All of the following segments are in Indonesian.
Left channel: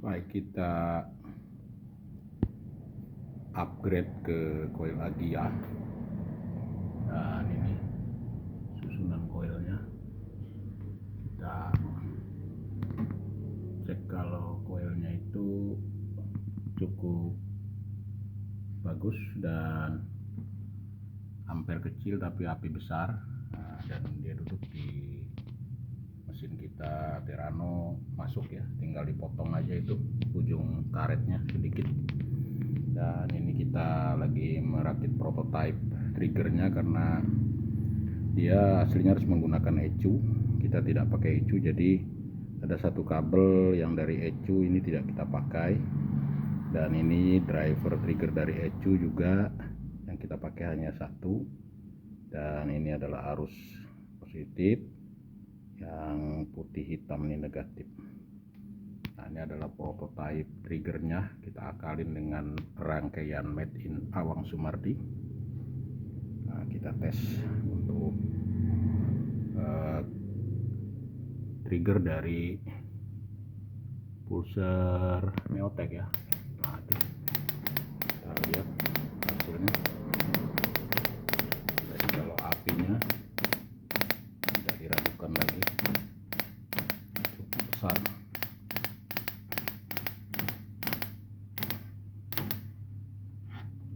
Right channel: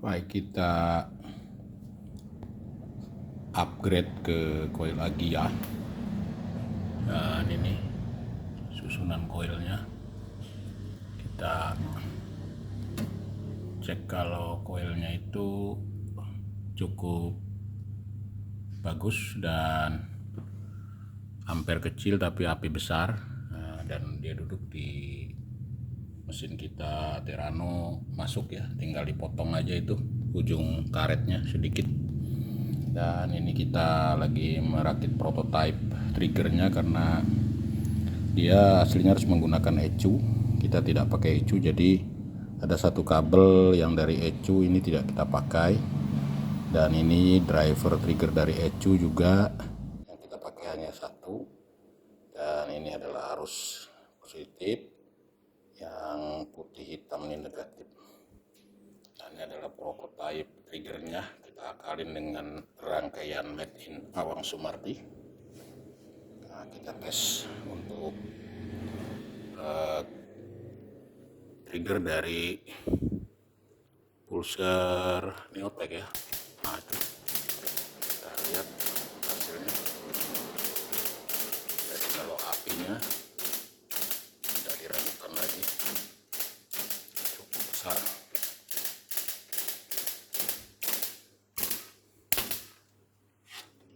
Baik, kita upgrade ke coil Agia. Dan ini susunan coilnya. Kita cek kalau coilnya itu cukup bagus dan ampere kecil tapi api besar. Dan dia duduk di mesin kita Terrano masuk ya, tinggal dipotong aja itu ujung karetnya sedikit. Dan ini kita lagi merakit prototype triggernya karena dia aslinya harus menggunakan ECU. Kita tidak pakai ECU, jadi ada satu kabel yang dari ECU ini tidak kita pakai. Dan ini driver trigger dari ECU juga yang kita pakai hanya satu. Dan ini adalah arus positif, yang putih hitam ini negatif. Nah, ini adalah prototype triggernya, kita akalin dengan rangkaian made in Awang Sumardi. Nah, kita tes untuk trigger dari pulser Neotech ya. Nah, itu kita lihat hasilnya. Jadi kalau apinya tidak diragukan lagi, cukup besar.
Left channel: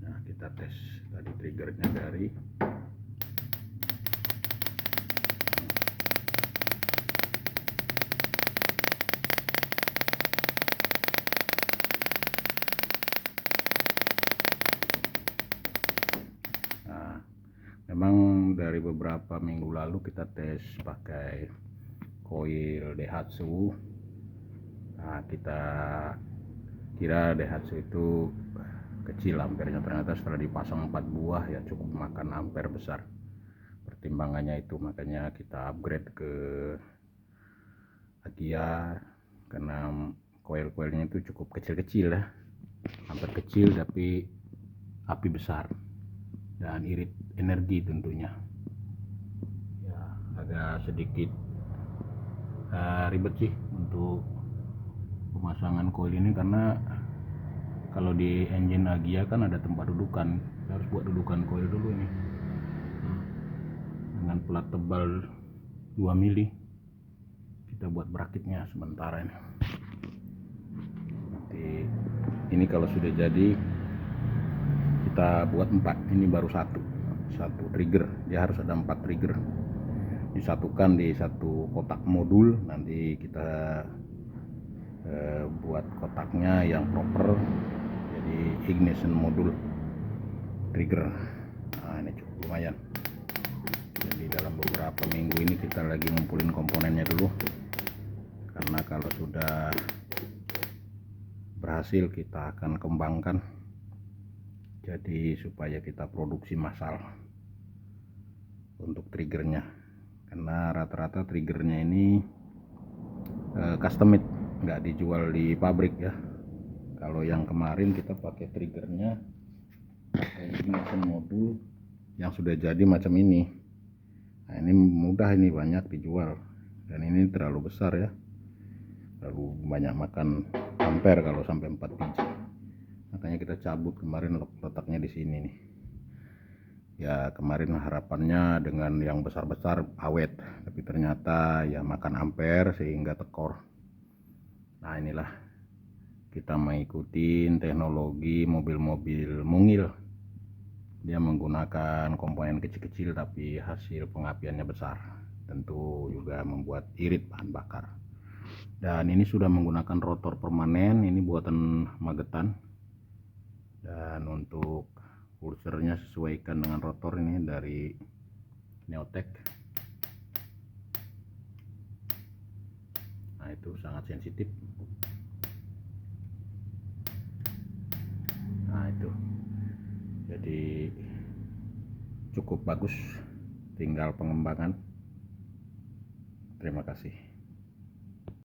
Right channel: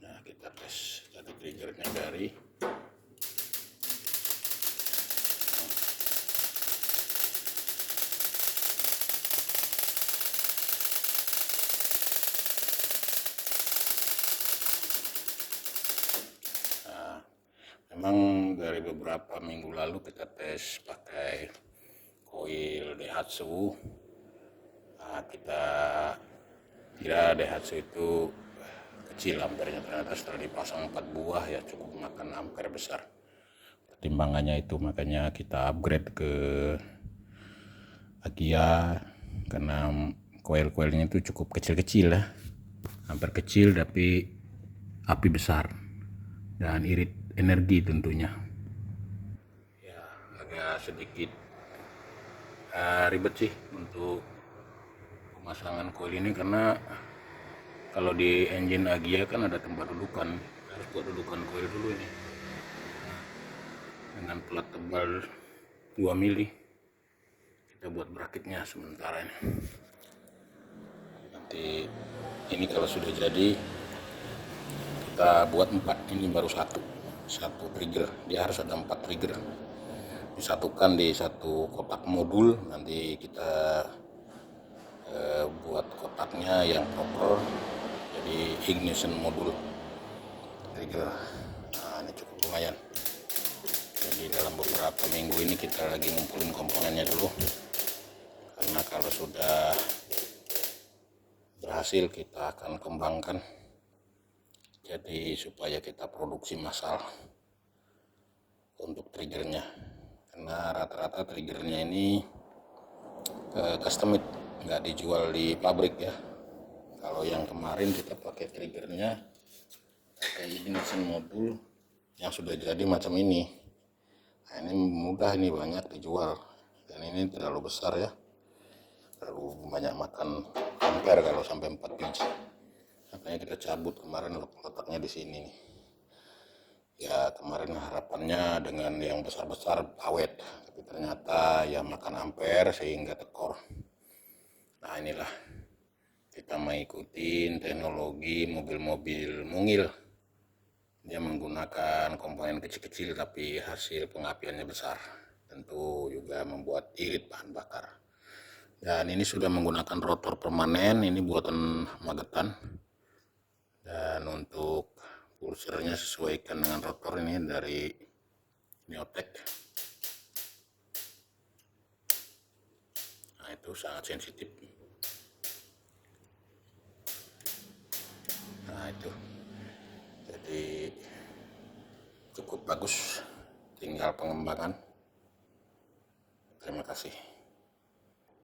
Nah, kita tes tadi triggernya dari memang dari beberapa minggu lalu kita tes pakai coil Daihatsu. Nah, kita kira Daihatsu itu kecil ampernya, ternyata setelah dipasang 4 buah ya cukup makan ampere besar. Pertimbangannya itu makanya kita upgrade ke Agia karena coil-coilnya itu cukup kecil-kecil ya, ampere kecil tapi api besar dan irit energi tentunya. Ya, agak sedikit ribet sih untuk pemasangan coil ini, karena kalau di engine Agia kan ada tempat dudukan, harus buat dudukan coil dulu ini dengan plat tebal 2 mili. Kita buat bracketnya sementara ini. Nanti ini kalau sudah jadi kita buat 4, ini baru satu trigger, dia harus ada 4 trigger disatukan di satu kotak modul. Nanti kita buat kotaknya yang proper, jadi ignition modul trigger. Nah, ini cukup lumayan. Jadi dalam beberapa minggu ini kita lagi ngumpulin komponennya dulu, karena kalau sudah berhasil kita akan kembangkan jadi supaya kita produksi massal untuk triggernya, karena rata-rata triggernya ini custom made, nggak dijual di pabrik ya. Kalau yang kemarin kita pakai triggernya pakai ignition modul yang sudah jadi macam ini. Nah, ini mudah, ini banyak dijual, dan ini terlalu besar ya, terlalu banyak makan ampere kalau sampai 4 biji. Makanya kita cabut kemarin, letaknya di sini nih. Ya kemarin harapannya dengan yang besar-besar awet, tapi ternyata ya makan ampere sehingga tekor. Nah, inilah kita mengikuti teknologi mobil-mobil mungil. Dia menggunakan komponen kecil-kecil tapi hasil pengapiannya besar, tentu juga membuat irit bahan bakar. Dan ini sudah menggunakan rotor permanen, ini buatan Magetan. Dan untuk pulsernya sesuaikan dengan rotor ini dari Neotech. Nah, itu sangat sensitif. Nah, itu jadi cukup bagus, tinggal pengembangan. Terima kasih.